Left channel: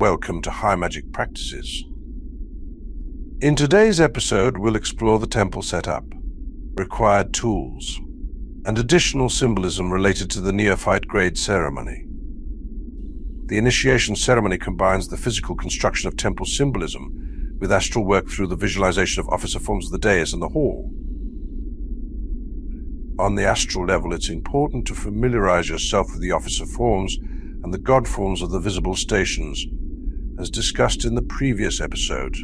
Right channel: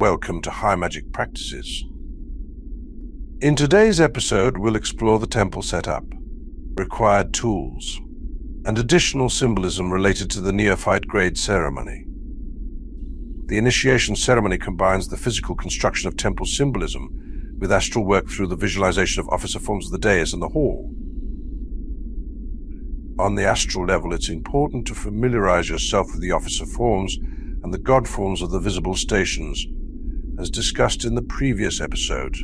Welcome to High Magick Practices. In today's episode, we'll explore the temple setup, required tools, and additional symbolism related to the Neophyte Grade ceremony. The initiation ceremony combines the physical construction of temple symbolism with astral work through the visualization of officer forms of the Dais and the hall. On the astral level, it's important to familiarize yourself with the officer forms and the Godforms of the visible stations, as discussed in the previous episode.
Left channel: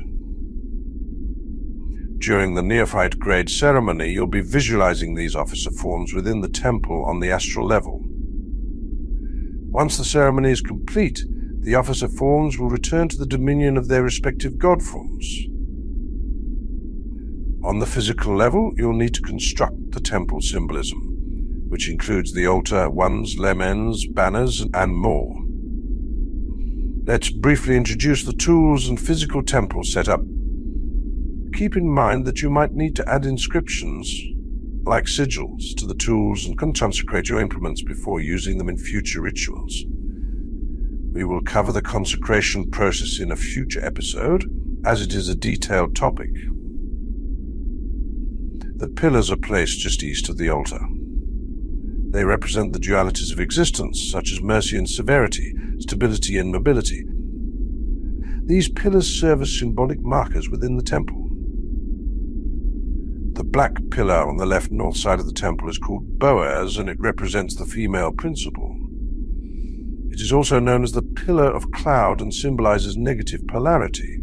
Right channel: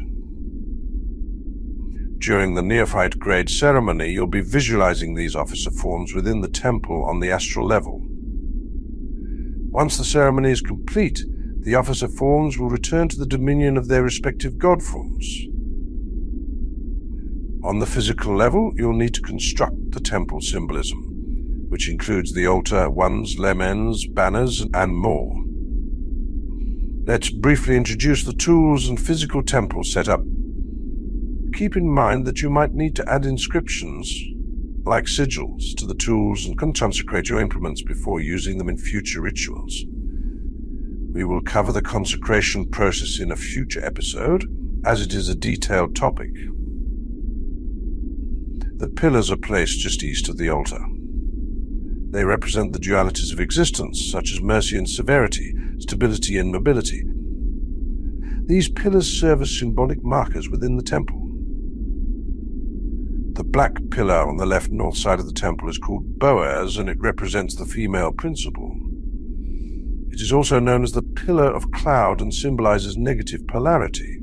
During the Neophyte Grade ceremony, you'll be visualizing these officer forms within the temple on the astral level. Once the ceremony is complete, the officer forms will return to the dominion of their respective Godforms. On the physical level, you'll need to construct the temple symbolism, which includes the altar, wands, lamens, banners, and more. Let's briefly introduce the tools and physical temple setup. Keep in mind that you might need to add inscriptions, like sigils, to the tools and consecrate your implements before using them in future rituals. We will cover the consecration process in a future episode, as it is a detailed topic. The pillars are placed just east of the altar. They represent the dualities of existence, such as mercy and severity, stability and mobility. These pillars serve as symbolic markers within the temple. The black pillar on the left north side of the temple is called Boaz, and it represents the female principle. It is also known as the pillar of cloud and symbolizes negative polarity.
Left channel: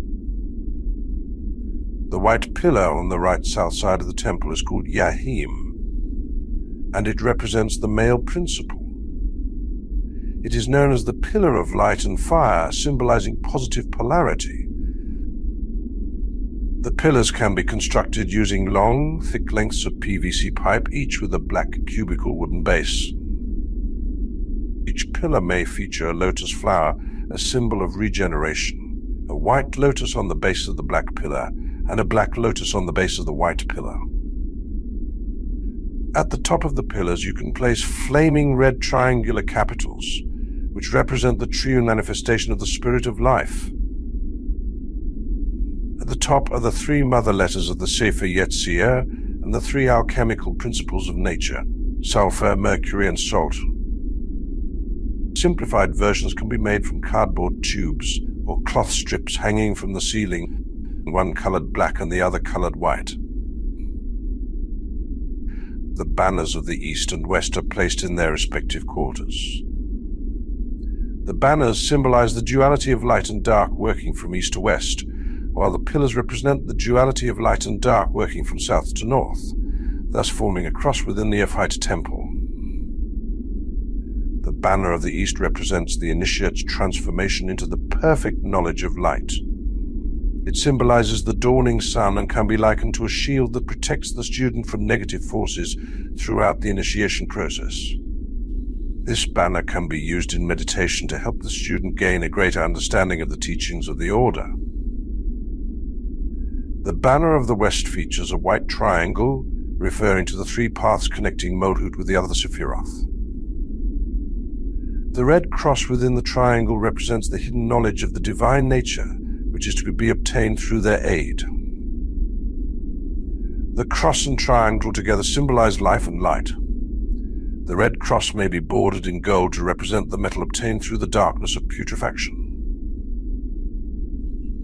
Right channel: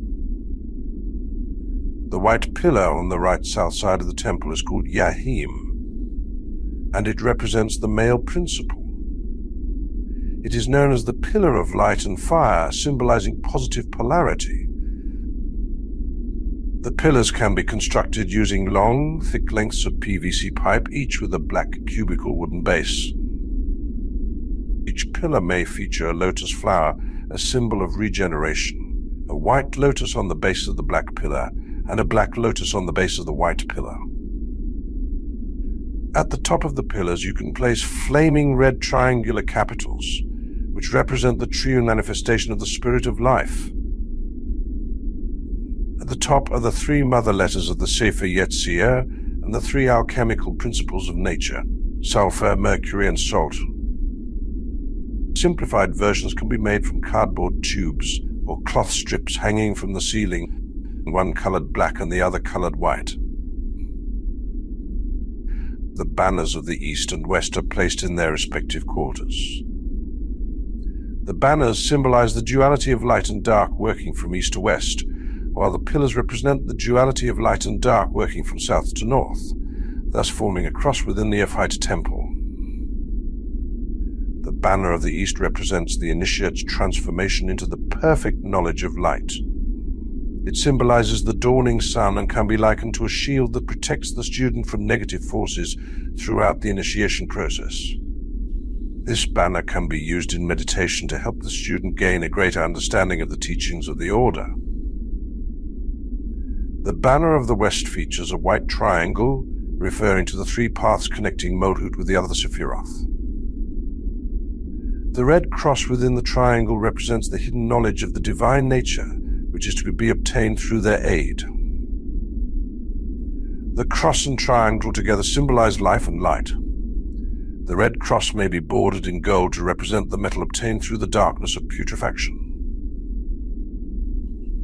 The white pillar on the right south side of the temple is called Yahim, and it represents the male principle. It is known as the pillar of light and fire, symbolizing positive polarity. The pillars can be constructed using long, thick lengths of PVC pipe, each with a black cubical wooden base. Each pillar may feature a lotus flower, a symbol of regeneration, a white lotus on the base of the black pillar, and a black lotus on the base of the white pillar. At the top of the pillars, you can place flaming red triangular capitals, which represent the true manifestation of the spirit of life. At the top are the three mother letters of the Sefer Yetzirah and the three alchemical principles of nature, sulfur, mercury, and salt. Simplified versions can be made from cardboard tubes or cloth strips hanging from the ceiling, one colored black and the other colored white. The banners of the east and west are placed in their respective quarters. The banners symbolize the duality of light and dark working from east to west, while the pillars represent the duality of light and dark working from south to north, thus forming a cross within the Neophyte temple. The banner of the east represents the initiate's transformation into the perfect knowledge of light. It symbolizes the dawning sun and can be likened to a shield that protects the student from negative forces throughout the initiation process. This banner can be used in meditation to help the student gain a greater understanding of the teachings of the order. The banner of the west features a white triangle, referring to the three paths connecting Malhut with the other Sephiroth. The red cross within the triangle represents the hidden knowledge of the divine nature, which is to be obtained through their aid. The cross and triangle together symbolize life and light. The red cross may be bordered in gold to represent the metal obtained through the darkness of putrefaction.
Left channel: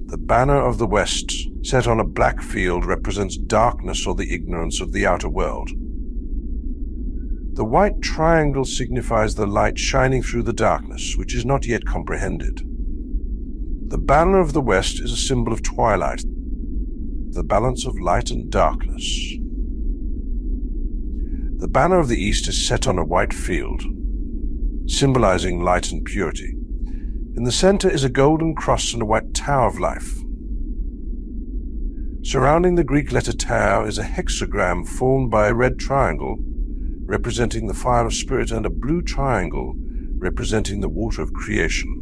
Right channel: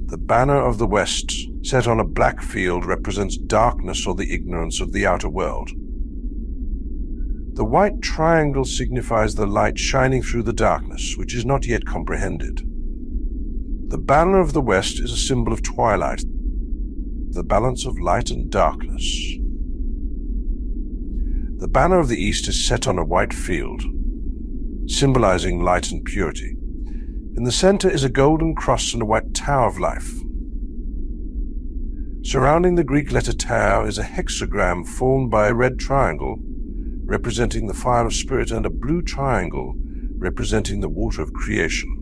The banner of the west, set on a black field, represents darkness or the ignorance of the outer world. The white triangle signifies the light shining through the darkness, which is not yet comprehended. The banner of the west is a symbol of twilight, the balance of light and darkness. The banner of the east is set on a white field, symbolizing light and purity. In the center is a golden cross and a white tower of life. Surrounding the Greek letter tau is a hexagram formed by a red triangle, representing the fire of spirit, and a blue triangle, representing the water of creation.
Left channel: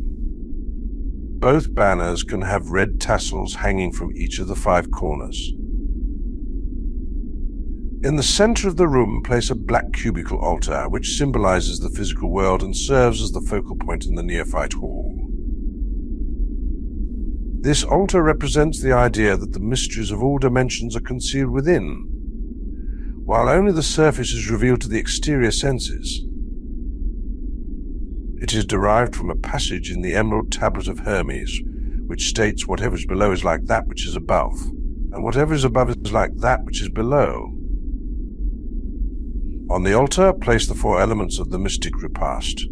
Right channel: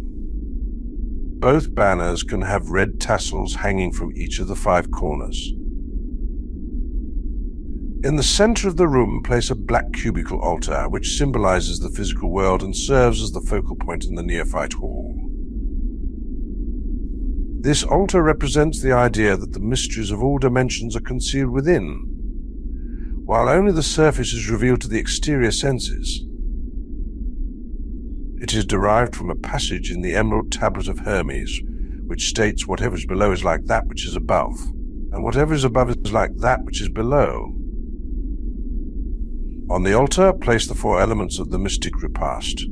Both banners can have red tassels hanging from each of the 5 corners. In the center of the room, place a black cubical altar, which symbolizes the physical world and serves as the focal point in the Neophyte Hall. This altar represents the idea that the mysteries of all dimensions are concealed within, while only the surface is revealed to the exterior senses. It is derived from a passage in the Emerald Tablet of Hermes, which states whatever is below is like that which is above, and whatever is above is like that which is below. On the altar, place the 4 elements of the mystic repast:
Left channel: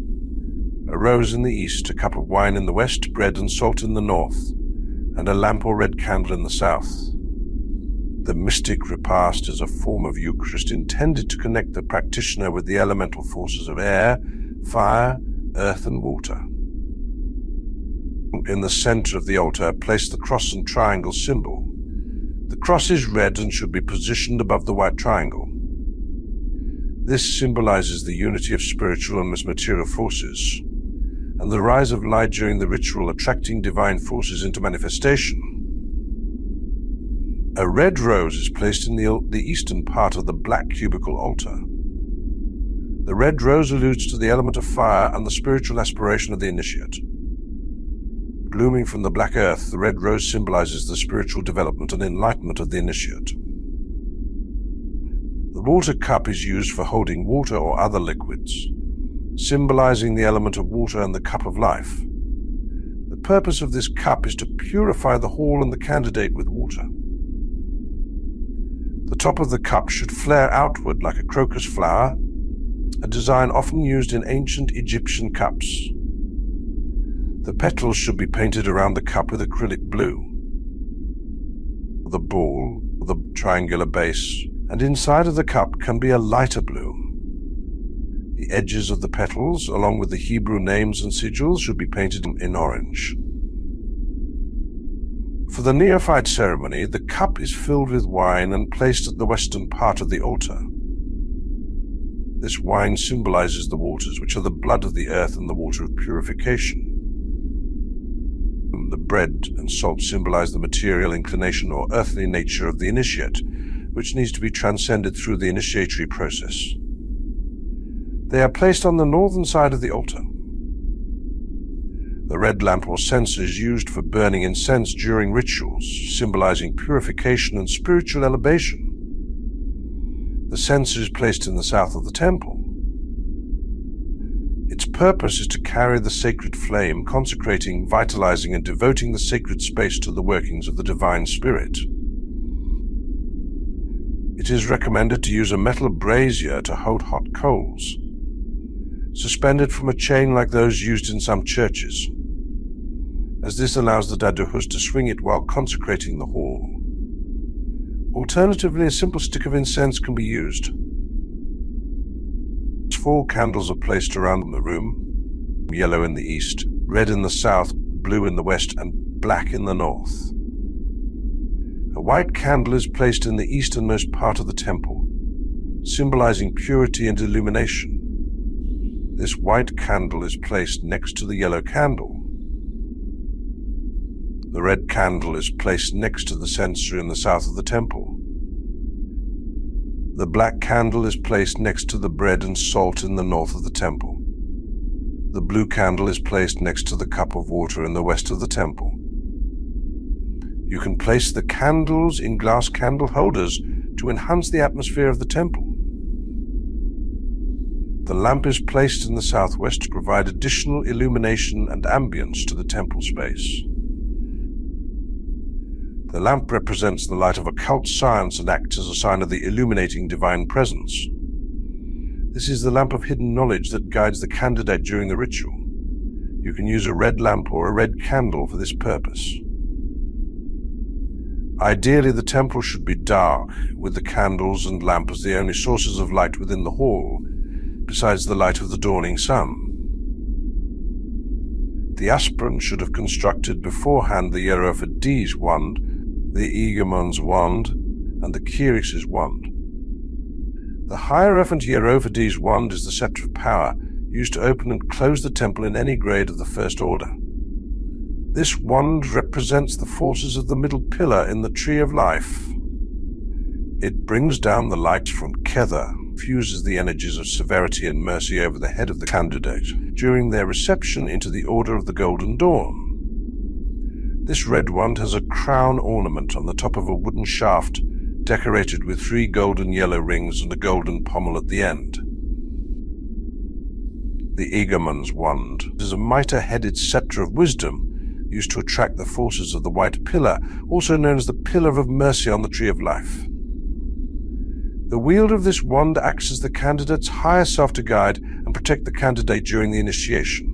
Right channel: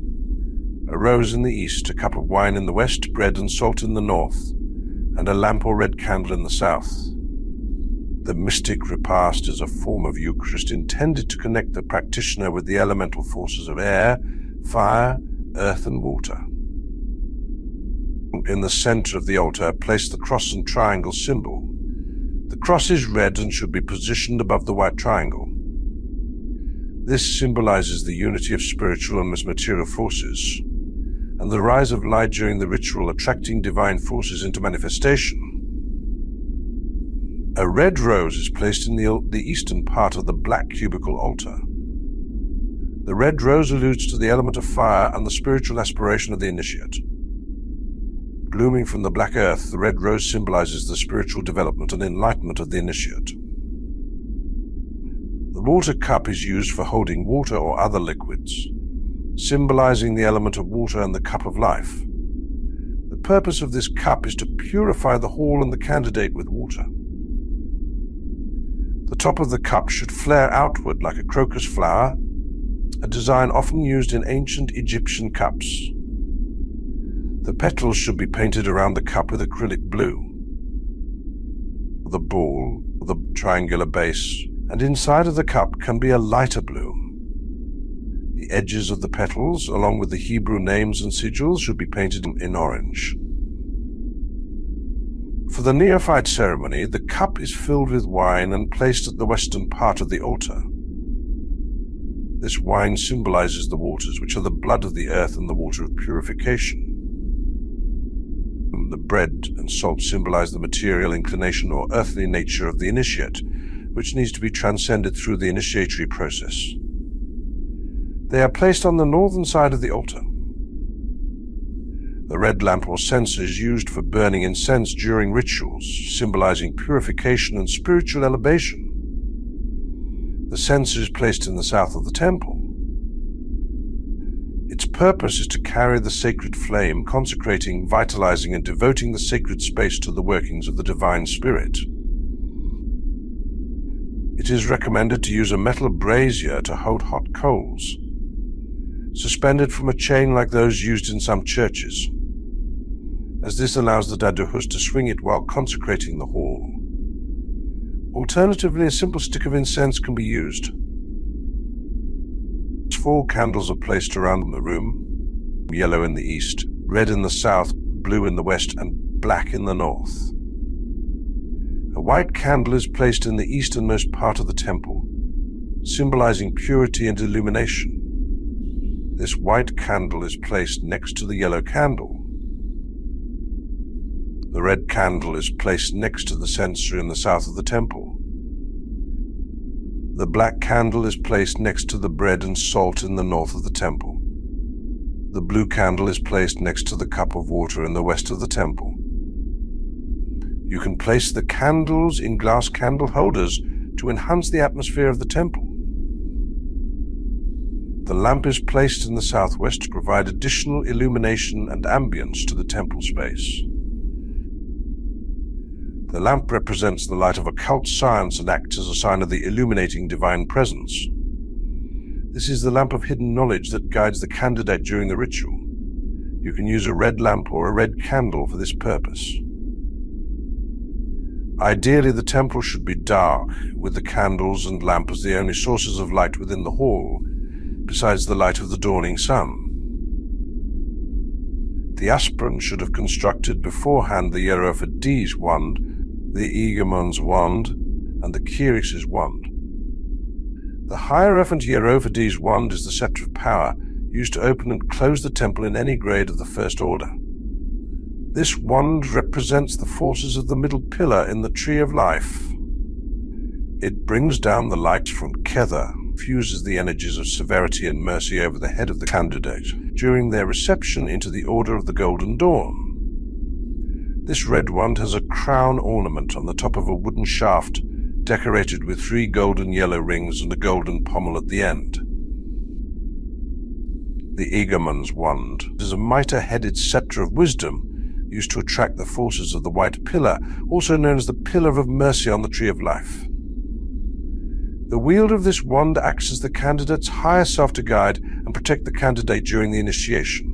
a rose in the east, a cup of wine in the west, bread and salt in the north, and a lamp or red candle in the south. The mystic repast is a form of Eucharist intended to connect the practitioner with the elemental forces of air, fire, earth and water. In the center of the altar, place the cross and triangle symbol. The cross is red and should be positioned above the white triangle. This symbolizes the unity of spiritual and material forces, and the rise of light during the ritual, attracting divine forces into manifestation. A red rose is placed in the eastern part of the black cubical altar. The red rose alludes to the element of fire and the spiritual aspiration of the initiate. Blooming from the black earth, the red rose symbolizes the spiritual development and enlightenment of the initiate. The water cup is used for holding water or other liquids, symbolizing the element of water and the cup of life. The purpose of this cup is to purify the hall and the candidate with water. The top of the cup should flare outward like a crocus flower, a design often used in ancient Egyptian cups. The petals should be painted around the cup with acrylic blue. The ball, the triangular base, and inside of the cup can be a lighter blue. The edges of the petals, along with the Hebrew names and sigils, should be painted in orange. For the neophyte ceremony, the cup is filled with wine and placed at the western part of the altar. This wine symbolizes the waters, which are the blood of the earth and the water of purification. The bread and salt symbolize the material inclination or earthly nature of the initiate, which needs to be transcended through the initiatory process. They are placed on the northern side of the altar. The red lamp or censer is used for burning incense during rituals, symbolizing purification and spiritual elevation. The censer is placed in the south of the temple. Its purpose is to carry the sacred flame, consecrating, vitalizing, and devoting the sacred space to the workings of the divine spirit. It is recommended to use a metal brazier to hold hot coals, suspended from a chain like those used in some churches, as this allows the daduhus to swing it while consecrating the hall. Alternatively, a simple stick of incense can be used. 4 candles are placed around the room, yellow in the east, red in the south, blue in the west, and black in the north. A white candle is placed in the easternmost part of the temple, symbolizing purity and illumination. This white candle is placed next to the yellow candle. The red candle is placed next to the censer in the south of the temple. The black candle is placed next to the bread and salt in the north of the temple. The blue candle is placed next to the cup of water in the west of the temple. You can place the candles in glass candle holders to enhance the atmosphere of the temple. The lamp is placed in the southwest to provide additional illumination and ambience to the temple space. The lamp represents the light of occult science and acts as a sign of the illuminating divine presence. This is the lamp of hidden knowledge that guides the candidate during the ritual. You can use a red lamp or a red candle for this purpose. Ideally, the temple should be dark, with the candles and lamp as the only sources of light within the hall, besides the light of the dawning sun. The aspirant should have constructed beforehand the Hierophant Dais wand, the Egemon's wand, and the Kyrix's wand. The Hierophant Dais wand is the scepter of power, used to open and close the temple in any grade of the First Order. This wand represents the forces of the middle pillar in the Tree of Life. It brings down the light from Kether, fuses the energies of severity and mercy over the head of the candidate during their reception into the Order of the Golden Dawn. This red wand has a crown ornament on the top of a wooden shaft decorated with 3 golden yellow rings and a golden pommel at the end. The Eagleman's wand is a mitre-headed sceptre of wisdom used to attract the forces of the white pillar, also known as the Pillar of Mercy on the Tree of Life. The wielder of this wand acts as the candidate's higher self to guide and protect the candidate during the initiation.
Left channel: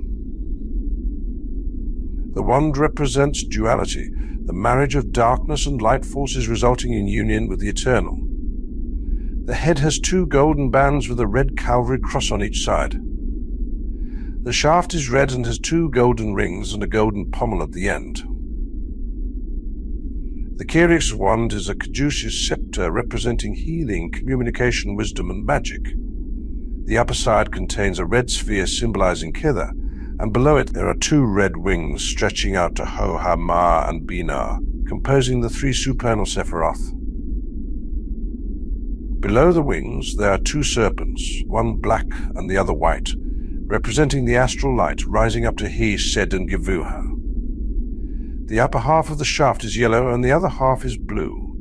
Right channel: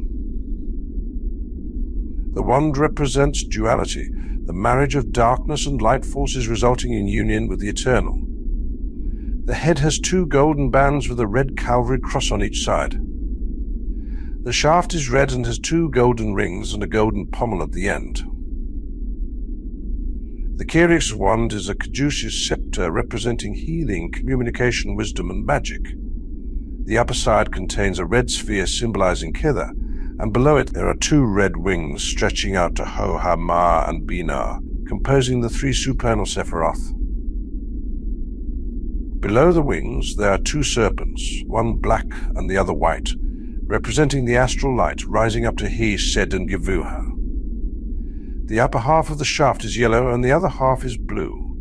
The wand represents duality, the marriage of darkness and light forces resulting in union with the eternal. The head has 2 golden bands with a red Calvary cross on each side. The shaft is red and has 2 golden rings and a golden pommel at the end. The Kyric's wand is a caduceus scepter representing healing, communication, wisdom, and magic. The upper side contains a red sphere symbolizing Kitha, and below it there are 2 red wings stretching out to Ho, Ha, Ma, and Binah, composing the 3 supernal Sephiroth. Below the wings there are 2 serpents, one black and the other white, representing the astral light rising up to He, Sed, and Givuha. The upper half of the shaft is yellow and the other half is blue.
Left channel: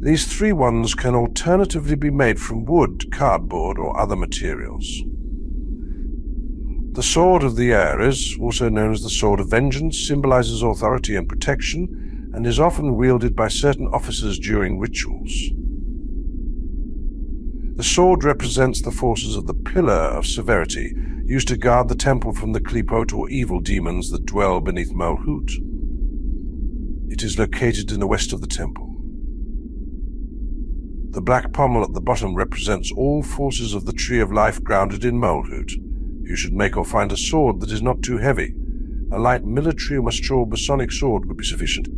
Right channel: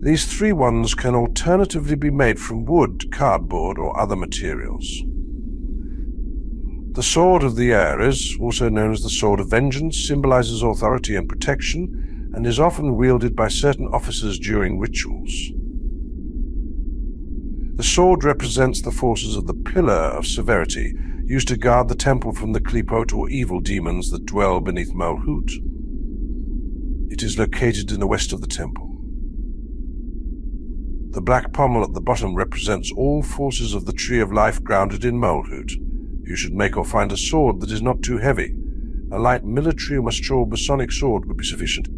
These 3 wands can alternatively be made from wood, cardboard, or other materials. The Sword of the Ares, also known as the Sword of Vengeance, symbolizes authority and protection and is often wielded by certain officers during rituals. The sword represents the forces of the Pillar of Severity, used to guard the temple from the Klipot or evil demons that dwell beneath Malhut. It is located in the west of the temple. The black pommel at the bottom represents all forces of the Tree of Life grounded in Malhut. You should make or find a sword that is not too heavy. A light military or mature Masonic sword would be sufficient.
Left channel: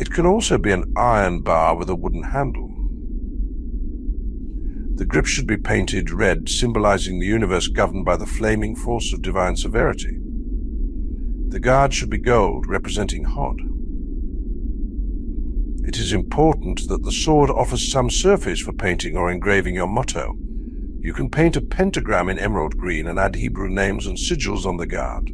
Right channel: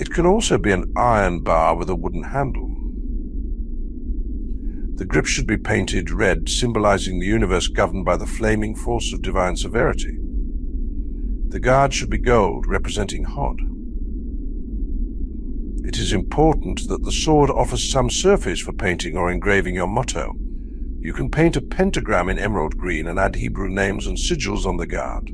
It can also be an iron bar with a wooden handle. The grip should be painted red, symbolizing the universe governed by the flaming force of divine severity. The guard should be gold, representing Hod. It is important that the sword offers some surface for painting or engraving your motto. You can paint a pentagram in emerald green and add Hebrew names and sigils on the guard.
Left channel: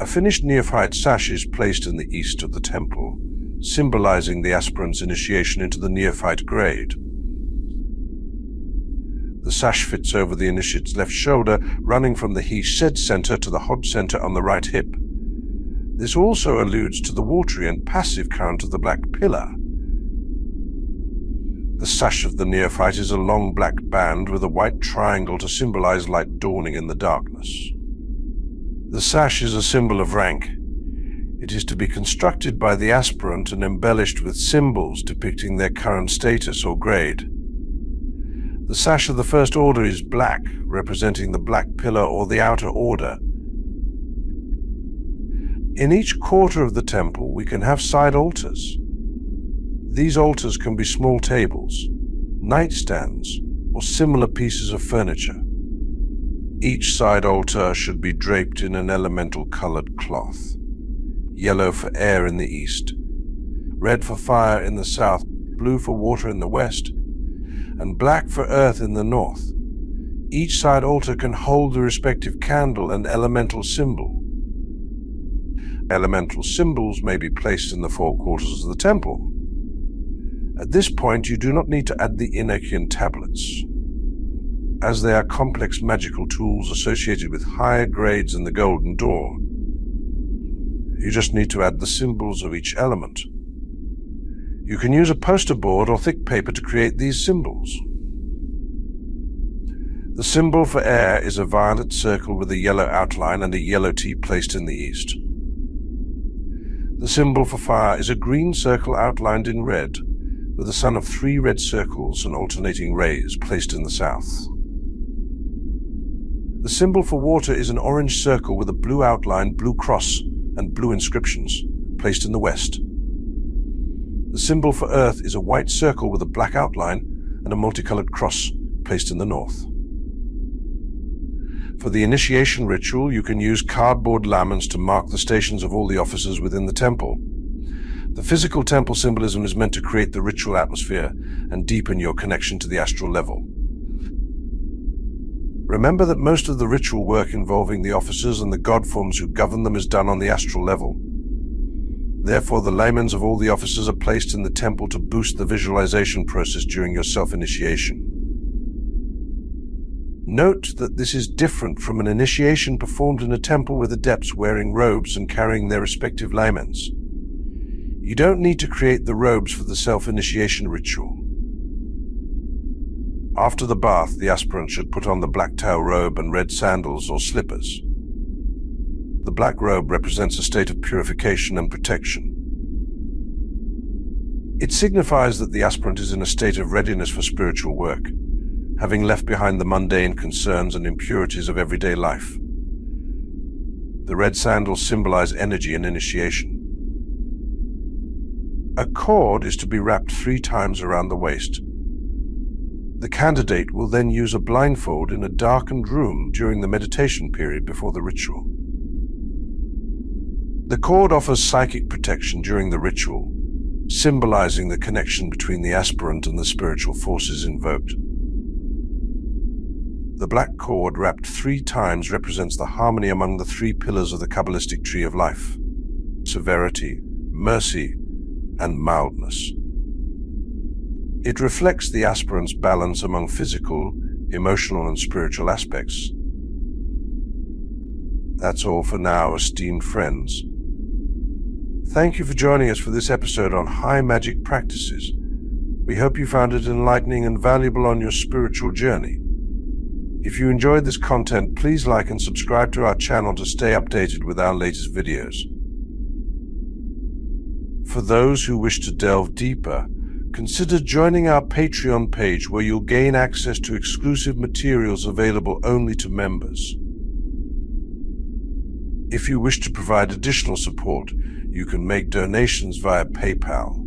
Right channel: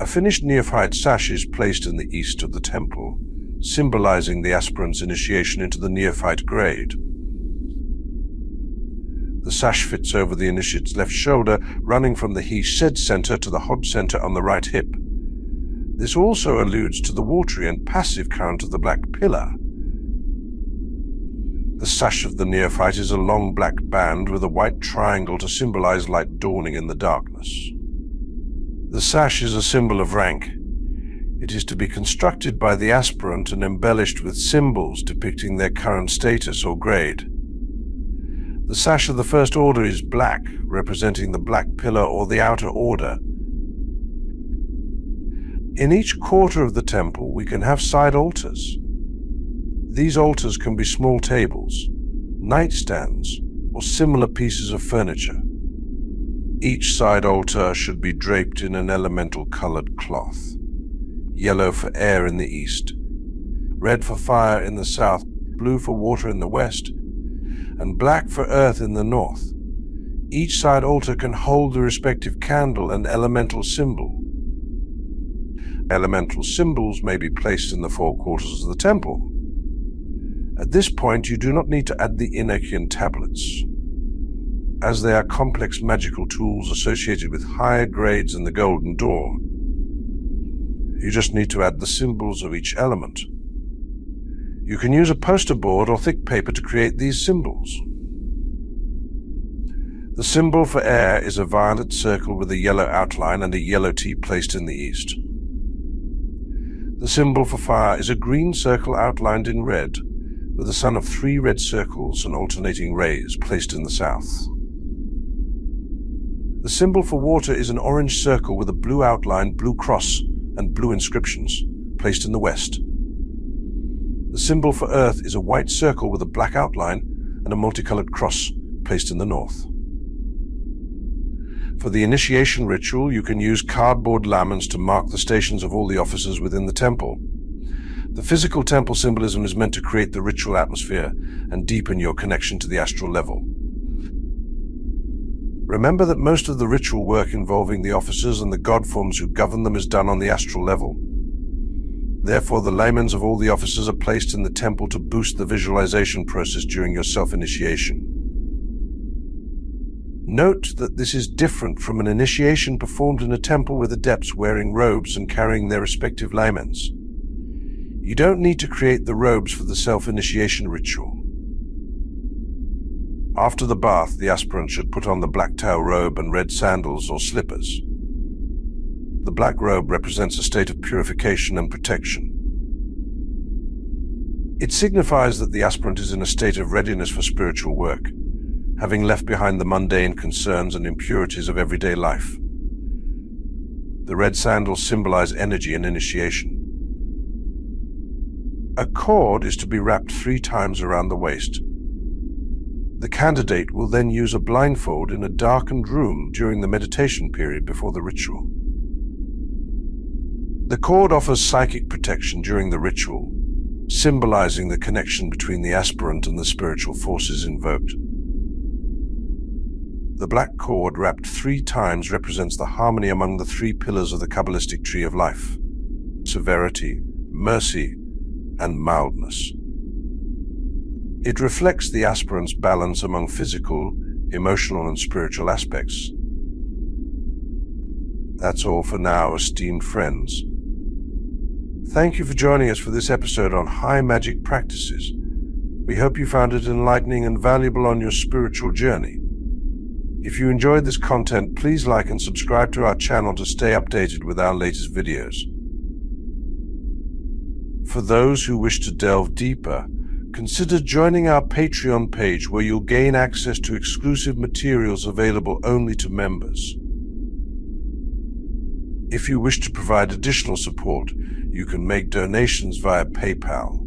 A finished neophyte sash is placed in the east of the temple, symbolizing the aspirant's initiation into the Neophyte Grade. The sash fits over the initiate's left shoulder, running from the He Said center to the Hod center on the right hip. This also alludes to the watery and passive current of the black pillar. The sash of the neophyte is a long black band with a white triangle to symbolize light dawning in the darkness. The sash is a symbol of rank. It is to be constructed by the aspirant and embellished with symbols depicting their current status or grade. The sash of the First Order is black, representing the black pillar or the outer order. In each quarter of the temple we can have side altars. These altars can be small tables, nightstands, or similar pieces of furniture. Each side altar should be draped in an elemental colored cloth. Yellow for air in the east, red for fire in the south, blue for water in the west, and black for earth in the north. Each side altar can hold the respective candle and elemental symbol. Elemental symbols may be placed in the 4 quarters of the temple. At this point, you do not need to add the Enochian tablets, as they are complex magical tools associated with higher grades in the Golden Door. You just need to add the symbols of each element. You can use a poster board or thick paper to create these symbols. The symbol for air is a violet circle with a yellow outline and a yellow T placed in the east. The symbol for fire is a green circle outlined in red, with a sun of 3 red circles and alternating rays placed in the south. The symbol for water is an orange circle with a blue outline, blue cross, and blue inscriptions placed in the west. The symbol for earth is a white circle with a black outline and a multicolored cross placed in the north. For the initiation ritual, you can use cardboard lamens to mark the stations of all the officers within the temple. The physical temple symbolism is meant to create the ritual atmosphere and deepen your connection to the astral level. Remember that most of the ritual work involving the officers and the Godforms who govern them is done on the astral level. Therefore, the lamens of all the officers are placed in the temple to boost the visualization process during your self-initiation. Note that this is different from an initiation performed in a temple with adepts wearing robes and carrying their respective lamens. You don't need to create the robes for the self-initiation ritual. After the bath, the aspirant should put on the black tail robe and red sandals or slippers. The black robe represents a state of purification and protection. It signifies that the aspirant is in a state of readiness for spiritual work, having left behind the mundane concerns and impurities of everyday life. The red sandals symbolize energy and initiation. A cord is to be wrapped 3 times around the waist. The candidate will then use a blindfold in a darkened room during the meditation period before the ritual. The cord offers psychic protection during the ritual, symbolizing the connection between the aspirant and the spiritual forces invoked. The black cord wrapped 3 times represents the harmony among the 3 pillars of the Kabbalistic tree of life: severity, mercy, and mildness. It reflects the aspirant's balance among physical, emotional, and spiritual aspects. That's all for now, esteemed friends. Thank you for joining us for this episode on High Magick Practices. We hope you found it enlightening and valuable on your spiritual journey. If you enjoyed this content, please like and subscribe to our channel to stay updated with our latest videos. For those who wish to delve deeper, consider joining our Patreon page, where you'll gain access to exclusive materials available only to members. If you wish to provide additional support, you can make donations via PayPal.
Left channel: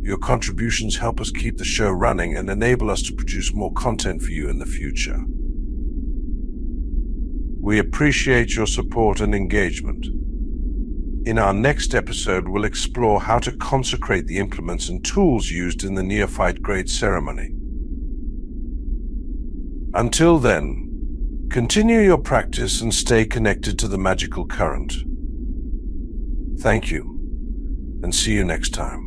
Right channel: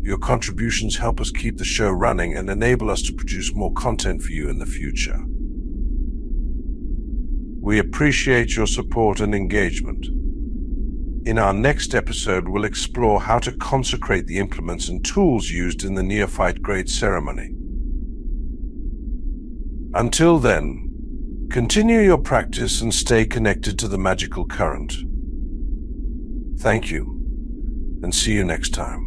Your contributions help us keep the show running and enable us to produce more content for you in the future. We appreciate your support and engagement. In our next episode, we'll explore how to consecrate the implements and tools used in the Neophyte Grade ceremony. Until then, continue your practice and stay connected to the magical current. Thank you, and see you next time.